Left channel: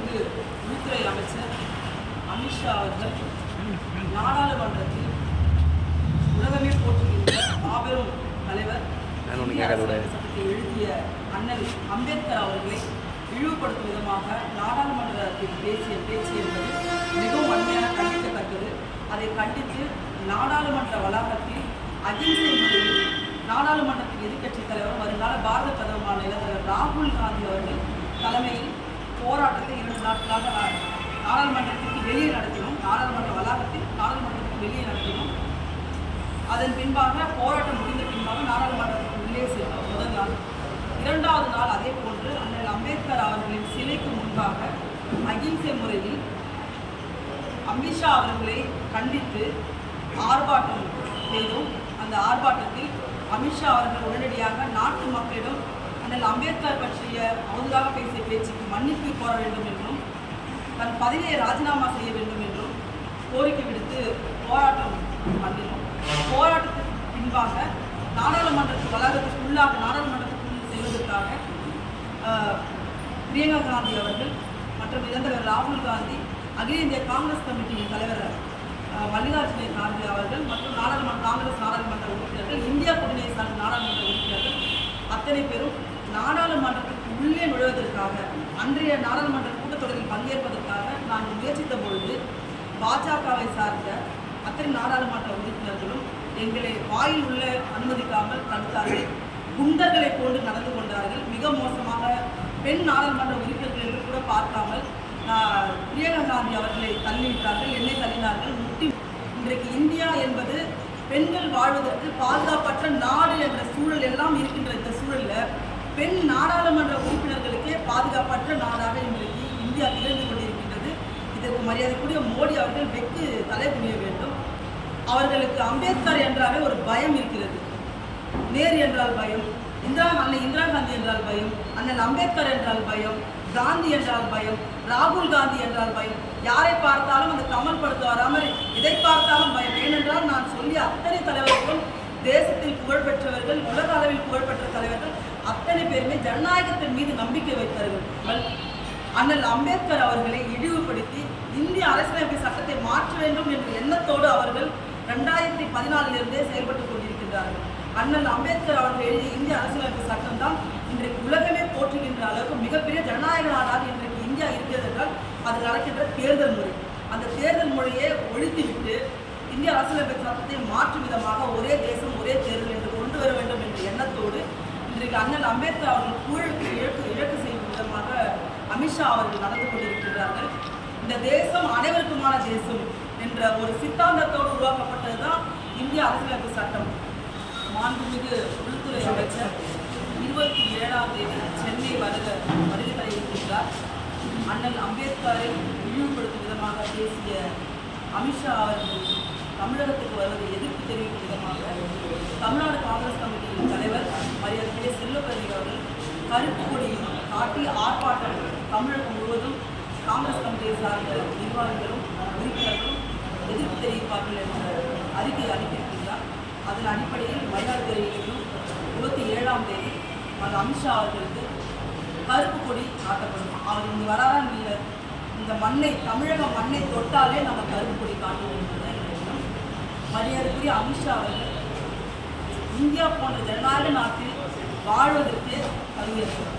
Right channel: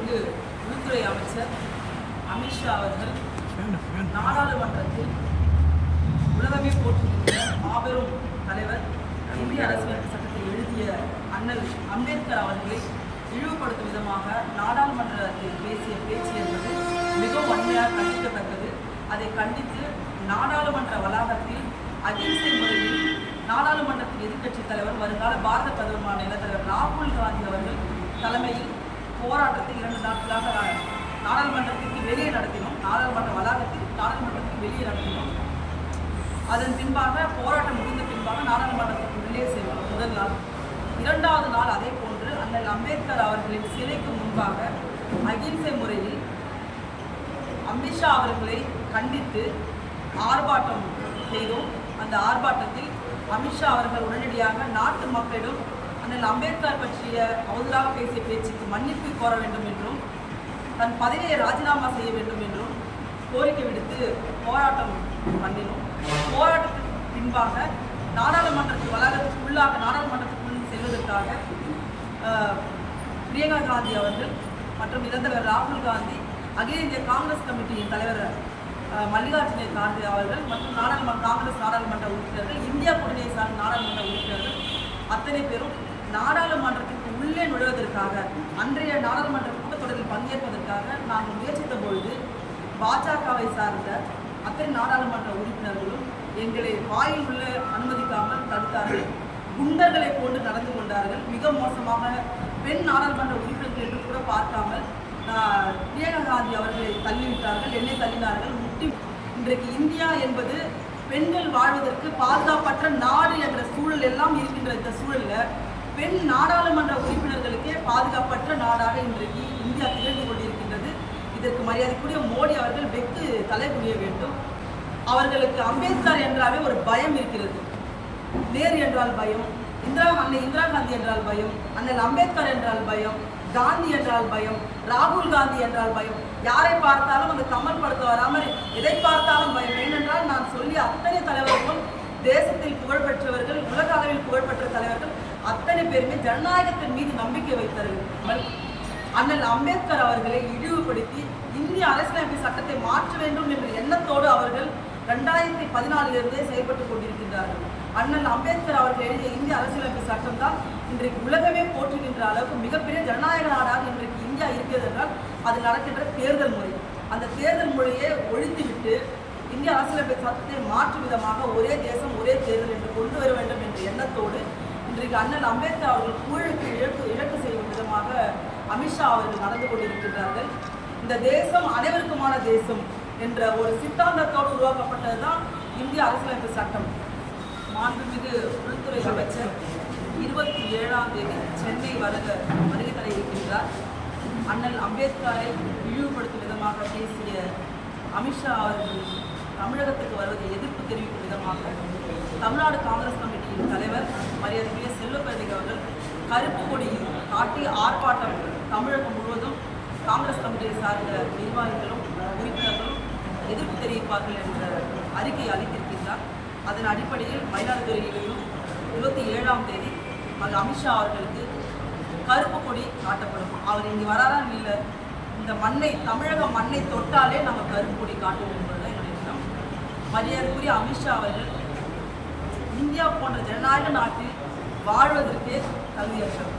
மாண்புமிகு உள்துறை அமைச்சர் அமித்ஷா அவர்கள் நாடாளுமன்றத்தில் உலகமே போட்டுகின்ற மாபெரும் தலைவர் இந்திய அரசியல் சட்டத்தை எழுதிய அண்ணல் அம்பேத்கர் அவர்களை இழிவுபடுத்தும் விதமாக நாடாளுமன்றத்தில் பேசிய பேச்சு என்பது மிகவும் அண்மையாக கண்டிக்கத்தக்கது. அதை கண்டித்து நாடாளுமன்ற வளாகத்தில் அகிம்சை முறையில் நாடாளுமன்றத்தின் எதிர்க்கட்சி தலைவர் வருங்கால பாரத பிரதமர் மாநில தலைவர் ராகுல் காந்தி அவர்கள் தலைமையில் போராட்டத்தை இரண்டு நாட்களாக நாடாளுமன்றத்திற்கு வெளியே நடத்தினோம். நாடாளுமன்ற வளாகத்தில் நாடாளுமன்றத்திற்கு வெளியே நடத்தினோம். அதன் பின்பாக போராட்டம் முடிந்த பின்பாக நாடாளுமன்றத்திற்கு உள்ளே சென்றோம். முதல் நாள். இரண்டாவது நாள் அதே போன்று அண்ணல் அம்பேத்கர் அவர்களின் சிலைக்கு முன்பாக அகிம்சை முறையில் அமித்ஷா அவர்களை கண்டித்து ஆர்ப்பாட்டம் செய்தோம். அந்த ஆர்ப்பாட்டத்தில் அமித்ஷா அவர்கள் உடனடியாக நாட்டு மக்களிடம் அண்ணல் அம்பேத்கர் பற்றிய அவதூறாக பேசிய பேச்சுக்கு மன்னிப்பு கோர வேண்டும் என்றும் தன் பதவியை ராஜினாமா செய்ய வேண்டும் என்றும் கோரிக்கை விடுத்து போராட்டம் பண்ணினோம். போராட்டத்திற்கு பின்பாக நாடாளுமன்றத்து வளாகத்துக்கு உள்ளாக நாடாளுமன்றத்துக்குள் செல்வதற்காக பிரியங்கா காந்தி அவர்கள் மற்றும் இளந்தலைவர் ராகுல் காந்தி அகில இந்திய காங்கிரஸ் கமிட்டியின் தலைவர் மல்லிகார்ஜுன கார்கே அவர்கள் மற்றும் நாடாளுமன்ற காங்கிரஸ் நாடாளுமன்ற உறுப்பினர்கள் இந்தியா கூட்டணியை சார்ந்த நாடாளுமன்ற உறுப்பினர்கள் அத்தனை பேரும் நாடாளுமன்றத்திற்கு உள்ளே நுழைவதற்காக அன்றைய நாடாளுமன்ற கூட்டத்தொடரில் பங்கேற்பதற்காக நாங்கள் முயற்சித்த பொழுது பாஜகவை சார்ந்த அத்தனை நாடாளுமன்ற உறுப்பினர்களும் எங்களை வாயில் உள்ள அனுமதிக்காமல் தடுத்தார்கள். குண்டர்களை போன்று நடந்து கொண்டார்கள். மிக மோசமாக பெண் நாடாளுமன்ற உறுப்பினர்கள் என்று கூட பார்க்காமல் பிரியங்கா காந்தி அவர்களை தள்ளிவிட்டார்கள் என்னை தள்ளினார்கள். முட்டி இன்றைக்கு இந்தியா என்பது பெண்கள் வாழ்வதற்கு பாதுகாப்பற்ற நாடு என்ற சூழல் எல்லாம் இருக்கின்ற இந்த சூழலில் பெண் நாடாளுமன்ற உறுப்பினர்களுக்கே பாதுகாப்பற்ற நாடாக இன்றைக்கு இந்தியா திகழ்ந்து கொண்டிருக்கின்றது. இதற்கு மரியாதைக்குரிய மோடி அவர்கள் வெக்கு தலை குனிய வேண்டும். அவர்களுக்கு அம்பேத்கர் என்றாவே ஒரு பயம் இருக்கிறது. நேரு என்றால் பயம் இந்திரா அன்னை இந்திரா காந்தி என்றால் பயம் அண்ணல் அம்பேத்கர் என்றால் பயம் காந்தி என்றால் பயம் ராகுல் காந்தி என்றால் பயம். யாரை பார்த்தாலும் அந்த கமல் படுத்த வராமல் எதை பார்த்தாலும் பயம். ஏனென்றால் நான் சொல்லி அத்தனை தலைவர்களும் தேசத்தில் புகழ்பெற்றவர்கள் உலக அளவில் புகழ்பெற்ற தலைவர்கள் அத்தனை பேருமே ஜனநாயகத்தின் மீது நம்பிக்கை வைத்தார்கள். அண்ணல் அம்பேத்கர் அவர்களை இழிவுபடுத்தி இந்திய அரசியலமைப்பு சட்டத்தை மாற்ற வேண்டும் என்ற எண்ணத்தோடு அவர்கள் ரெண்டாயிரத்தி பதினாலிலிருந்தே செயல்பட்டு கொண்டிருக்கின்றார்கள். அண்ணல் அம்பேத்கர் அவர்கள் எழுதிய இந்திய அரசியலமைப்பு சட்டம் தான் இன்றைக்கு உலகமே போற்றுகின்ற அளவுக்கு மிகப்பெரிய ஜனநாயக நாடாக இன்றைக்கு இந்தியா இருக்கிறது என்றால் அது நடக்கின்ற தேர்தல் முறை. அந்த தேர்தல் முறையை ஒழித்துவிட்டு இந்திய அரசியலமைப்பு சட்டத்தை மாற்றும் விதமாக ஒரே தேசம் ஒரே தேர்தல் என்று கொண்டு வர வேண்டும் என்ற எண்ணத்தோடு இன்றைக்கு அண்ணல் அம்பேத்கர் அவர்கள் ஊழலுக்கு இழக்கு இழக்கு செய்யும் விதமாக அமித்ஷா அவர்கள் நடந்து கொண்டிருக்கிறார்கள் இந்த தேசம் அனைவருக்குமான தேசம் என்ற ஒரு சித்தாந்தத்தோடு உருவாக்கப்பட்டது தான் இந்திய அரசியலமைப்பு சட்டம். மாண்புமிகு உள்துறை அமைச்சர் இருபத்தி ஏழாம் தேதி சென்னை வருக வருகை தர இருக்கின்றார் அண்ணல் அம்பேத்கரை இழிவுபடுத்தும் விதமாக பேசிய அமித்ஷா அவர்கள் தமிழகத்துக்கு வருவதை எதிர்ப்பு தெரிவிக்கும் விதமாக தமிழ்நாடு காங்கிரஸ் கமிட்டியின் தலைவர் மரியாதைக்குரிய செல்லப்பதிக அவர்கள் கருப்பு கொடியில் காட்டி ஆர்ப்பாட்டம் தமிழகம் முழுவதும் காங்கிரஸ் கமிட்டியை சார்ந்த நிர்வாகிகளும் உறுப்பினர்களும் எதிர்ப்பு தெரிவிப்பார்கள் என்ற அறிக்கை அளித்திருக்கின்றார். அதன் அடிப்படையில் மயிலாடுதுறையிலும் இருபத்தி ஏழாம் தேதி அது அமித்ஷா அவர்களுக்கு கருப்பு கொடி காட்டப்படும். அவர் இங்கே வராரா இல்லை? இந்த மண்ணை தமிழக மண்ணை தொட்டாலே நாங்கள் கருப்பு கொடி காட்டுவோம் என்பதுதான் மரியாதைக்குரிய அமித்ஷா அவர்கள் இந்தியா போன்ற ஜனநாயக நாட்டில் வாழ்வதற்கு தகுதியற்றவர்.